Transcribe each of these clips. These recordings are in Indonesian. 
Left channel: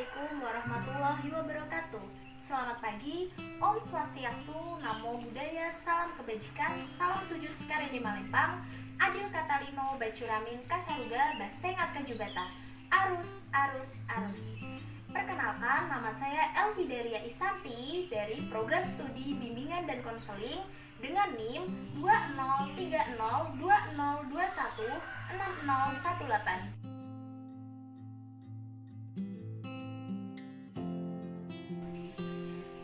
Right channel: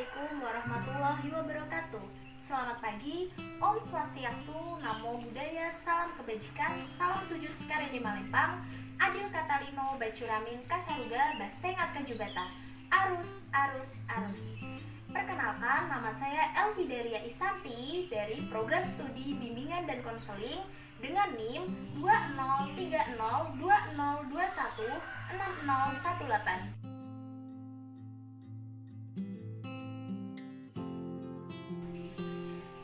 Assalamualaikum warahmatullahi wabarakatuh. Selamat pagi, Om Swastiastu, Namo Buddhaya, Salam Kebajikan, Salam Sujud Karene Malempang, Adil Katalino, Bacuramin, Kasaruga, Basengat Kajubata, Arus, Arus, Arus. Perkenalkan, nama saya Elvidaria Isanti dari Program Studi Bimbingan dan Konseling dengan NIM 203020216018.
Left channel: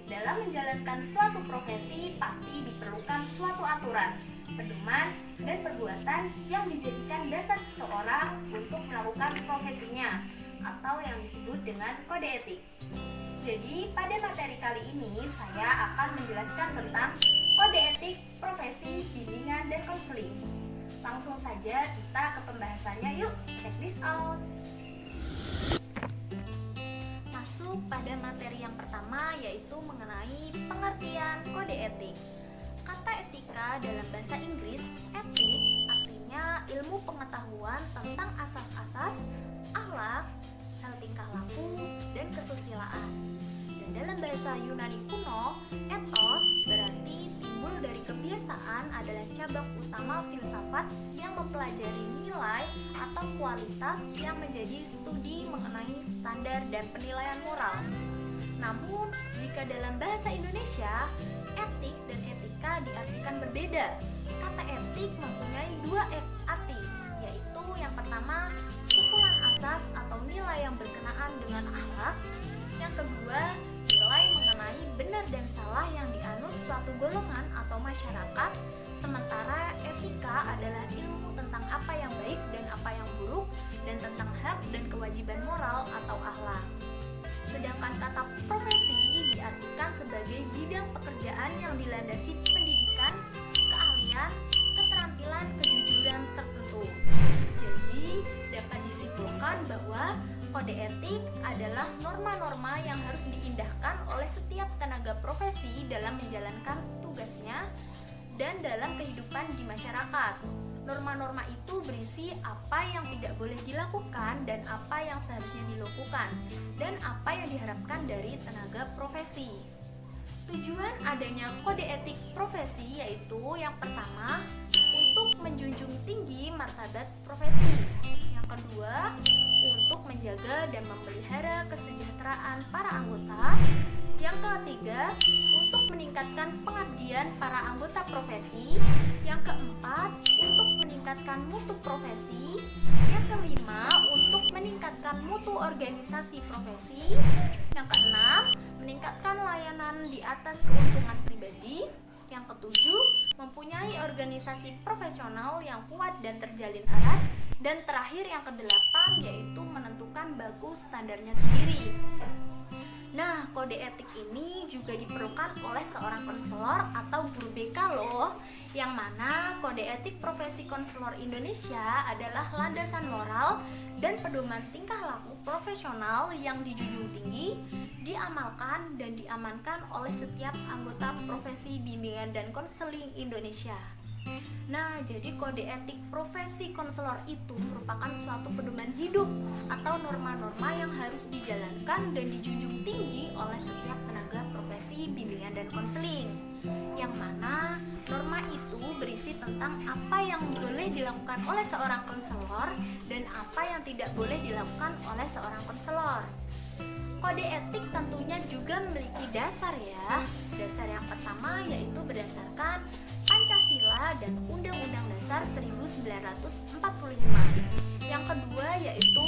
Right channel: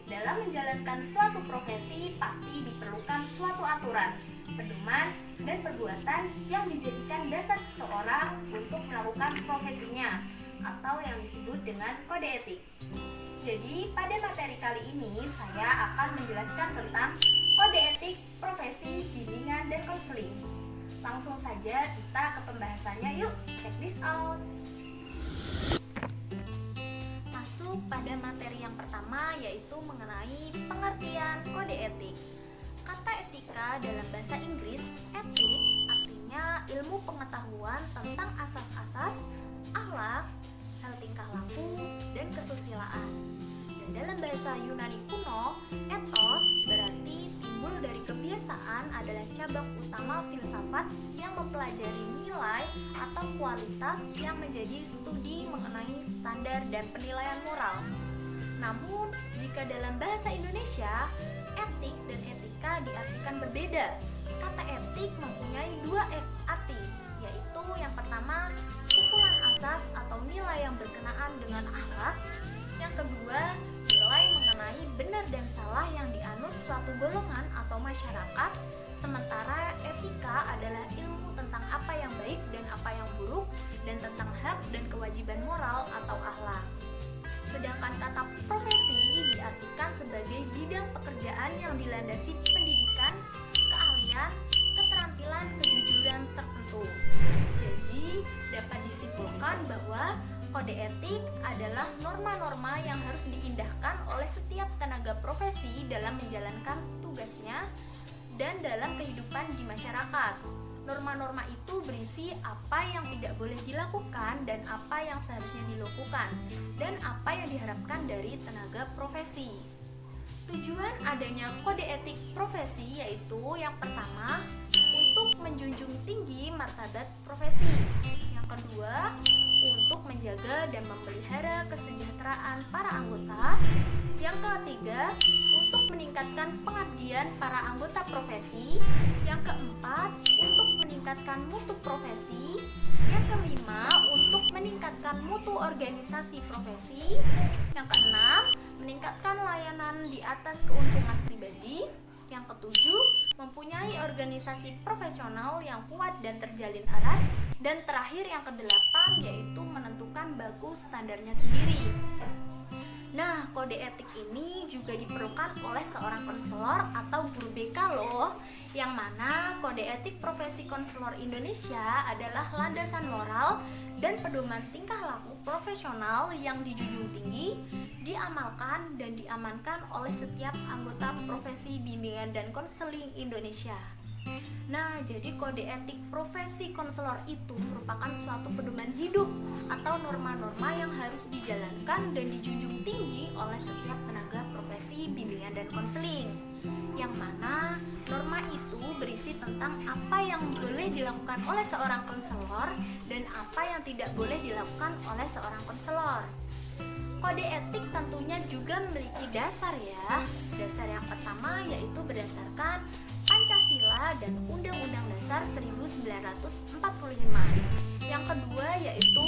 Dalam menjalankan suatu profesi pasti diperlukan suatu aturan, pedoman, dan perbuatan yang dijadikan dasar seseorang untuk melakukan profesinya atau yang disebut dengan kode etik. Jadi pada materi kali ini saya akan menjelaskan tentang kode etik profesi bimbingan dan konseling. Langsung saja kita ke pembahasannya, yuk check this out. Masuk pada materi yang pertama, yaitu mengenai pengertian kode etik. Kata etika dalam bahasa Inggris, ethics, artinya ilmu pengetahuan tentang asas-asas, akhlak, hal tingkah laku, dan kesusilaan. Dan dalam bahasa Yunani kuno, ethos berarti timbul dari kebiasaan adalah cabang utama filsafat yang mempelajari nilai atau kualitas yang menjadi studi mengenai standar dan penilaian moral. Namun, jika dalam bahasa Indonesia, etik dan etika diartikan berbeda. Kata etik mempunyai dua arti, yaitu yang pertama, kumpulan asas atau nilai yang berkenaan dengan akhlak. Yang kedua, nilai mengenai benar dan salah yang dianut suatu golongan atau masyarakat. Sementara etika adalah ilmu tentang apa yang baik dan apa yang buruk, dan tentang hak dan kewajiban moral atau akhlak. Sedangkan kata profesi diartikan sebagai bidang pekerjaan yang dilandasi pendidikan, keahlian, keterampilan, kejujuran tertentu. Jadi, dapat disimpulkan bahwa kode etik adalah norma-norma yang harus diindahkan oleh setiap tenaga profesi dalam menjalankan tugasnya dan dalam kehidupan di masyarakat. Norma-norma itu berisi apa yang tidak boleh dilakukan dan apa yang seharusnya dilakukan, dan apa yang diharapkan dari tenaga profesi. Tujuan adanya kode etik profesi yaitu yang pertama, untuk menjunjung tinggi martabat profesi. Yang kedua, untuk menjaga dan memelihara kesejahteraan para anggota. Yang ketiga, untuk meningkatkan pengabdian para anggota profesi. Yang keempat, untuk meningkatkan mutu profesi. Yang kelima, untuk meningkatkan mutu organisasi profesi. Yang keenam, meningkatkan layanan di atas keuntungan pribadi. Yang ketujuh, mempunyai organisasi profesional yang kuat dan terjalin erat. Dan terakhir yang kedelapan, yaitu menentukan baku standarnya sendiri. Nah, kode etik ini juga diperlukan oleh seorang konselor atau guru BK loh, yang mana kode etik profesi konselor Indonesia adalah landasan moral dan pedoman tingkah laku profesional yang dijunjung tinggi, diamalkan dan diamankan oleh setiap anggota profesi bimbingan dan konseling Indonesia. Nah, jadi kode etik profesi konselor itu merupakan suatu pedoman hidup atau norma-norma yang harus dijalankan dan dijunjung tinggi oleh setiap tenaga profesi bimbingan dan konseling. Yang mana norma itu berisi tentang apa yang boleh dilakukan oleh seorang konselor dan apa yang tidak boleh dilakukan oleh seorang konselor. Kode etik tentunya juga memiliki dasar ya. Dasar yang pertama yaitu berdasarkan Pancasila dan Undang-Undang Dasar 1945. Yang kedua yaitu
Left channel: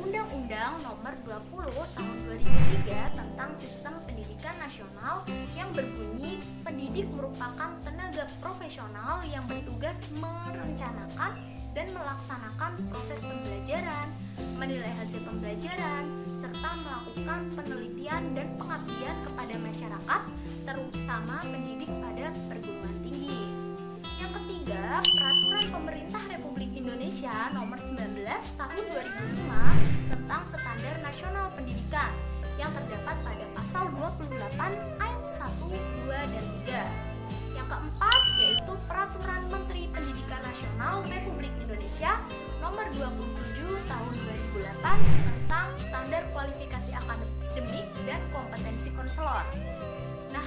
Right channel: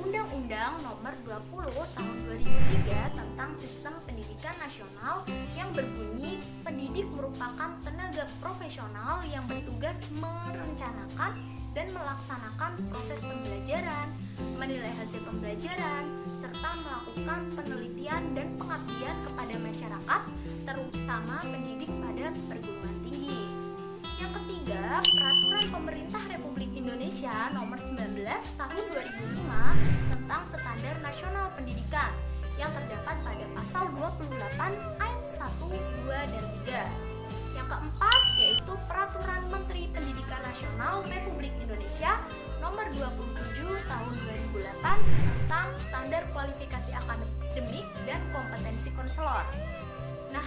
Undang-Undang Nomor 20 Tahun 2003 tentang Sistem Pendidikan Nasional yang berbunyi pendidik merupakan tenaga profesional yang bertugas merencanakan dan melaksanakan proses pembelajaran, menilai hasil pembelajaran, serta melakukan penelitian dan pengabdian kepada masyarakat, terutama pendidik pada perguruan tinggi. Yang ketiga, Peraturan Pemerintah Republik Indonesia Nomor 19 Tahun 2005 tentang Standar Nasional Pendidikan yang terdapat pada pasal 28 ayat 1, 2, dan 3. Yang keempat yaitu Peraturan Menteri Pendidikan Nasional Republik Indonesia Nomor 27 Tahun 2008 tentang Standar Kualifikasi Akademik konselor. Nah,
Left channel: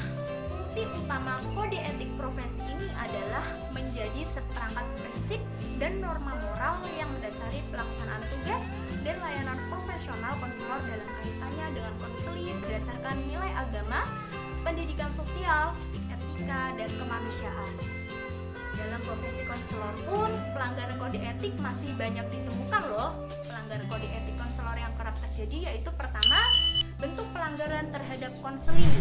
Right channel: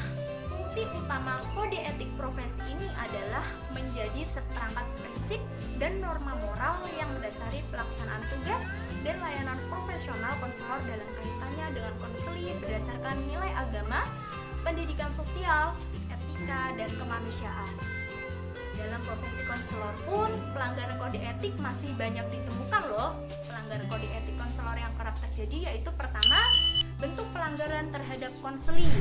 fungsi utama kode etik profesi ini adalah menjadi seperangkat prinsip dan norma moral yang mendasari pelaksanaan tugas dan layanan profesional konselor dalam kaitannya dengan konseling berdasarkan nilai agama, pendidikan sosial, etika, dan kemanusiaan. Dalam profesi konselor pun, pelanggaran kode etik masih banyak ditemukan loh. Pelanggaran kode etik konselor yang kerap terjadi yaitu pertama, bentuk pelanggaran terhadap konseling.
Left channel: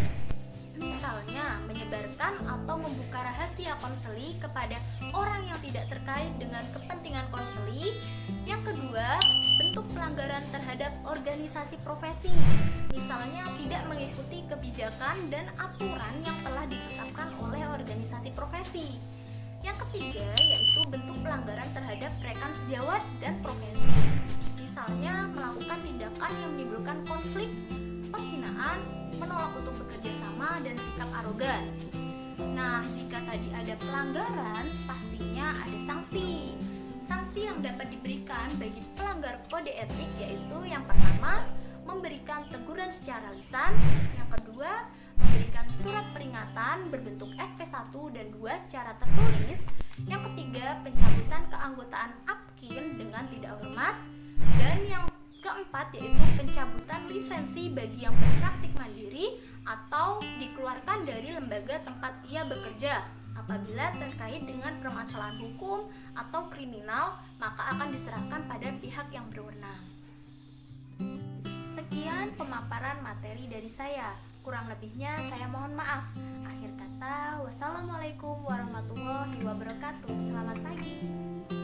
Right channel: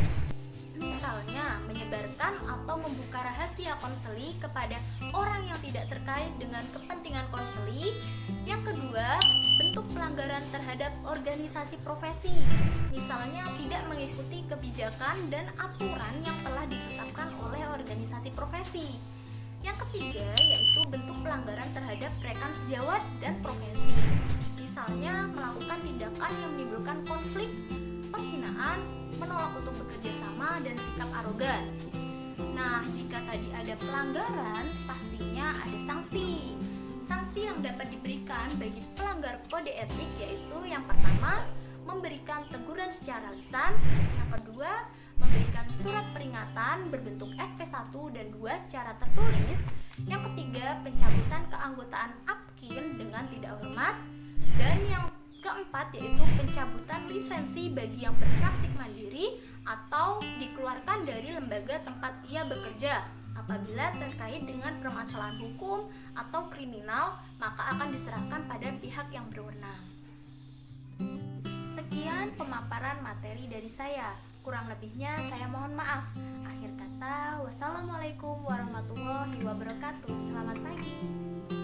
Misalnya, menyebarkan atau membuka rahasia konseli kepada orang yang tidak terkait dengan kepentingan konseli. Yang kedua, bentuk pelanggaran terhadap organisasi profesi. Misalnya, tidak mengikuti kebijakan dan aturan yang telah ditetapkan oleh organisasi profesi. Yang ketiga, yaitu bentuk pelanggaran terhadap rekan sejawat dan profesi. Misalnya, melakukan tindakan yang menimbulkan konflik, penghinaan, menolak untuk bekerja sama, dan sikap arogan. Nah, jika tadi ada pelanggaran, pastinya ada sanksi. Sanksi yang dapat diberikan bagi pelanggar kode etik yaitu yang pertama, memberikan teguran secara lisan, yang kedua, memberikan surat peringatan berbentuk SP1 dan 2 secara tertulis, yang ketiga, pencabutan keanggotaan APKIN dengan tidak hormat, dan yang keempat yaitu pencabutan lisensi bagi yang berpraktik mandiri atau dikeluarkan dari lembaga tempat ia bekerja. Apabila terkait dengan permasalahan hukum atau kriminal, maka akan diserahkan pada pihak yang berwenang. Sekian pemaparan materi dari saya. Kurang lebihnya saya mohon maaf. Akhir kata, wassalamualaikum warahmatullahi wabarakatuh. Selamat pagi.